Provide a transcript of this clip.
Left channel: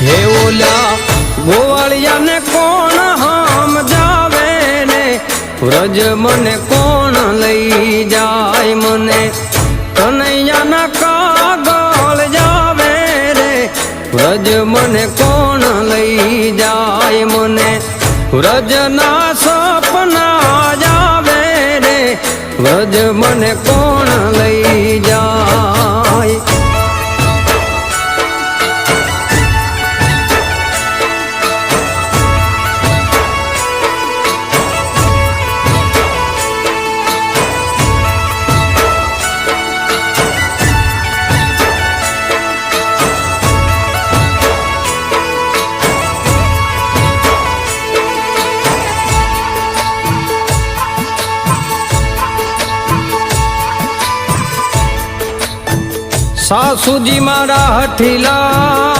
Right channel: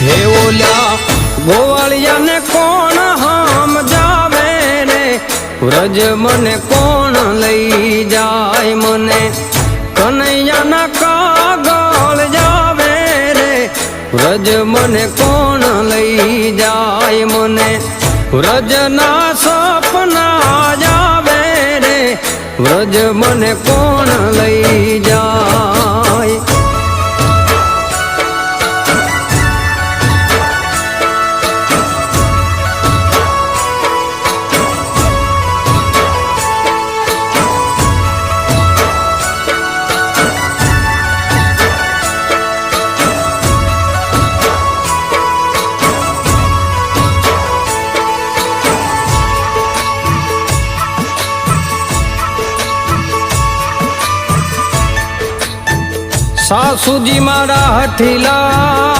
હે ઓલ્યા ગોવાળિયાને કોણ હામ જાવે ને વ્રજ મને કોણ લઈ જાય મને કનૈયાના કાગળ જાવે રે વ્રજ મને કોણ લઈ જાય મને વ્રજના સપના જાવે રે વ્રજ મને કોણ લઈ જાય સાસુજી મારા હઠીલા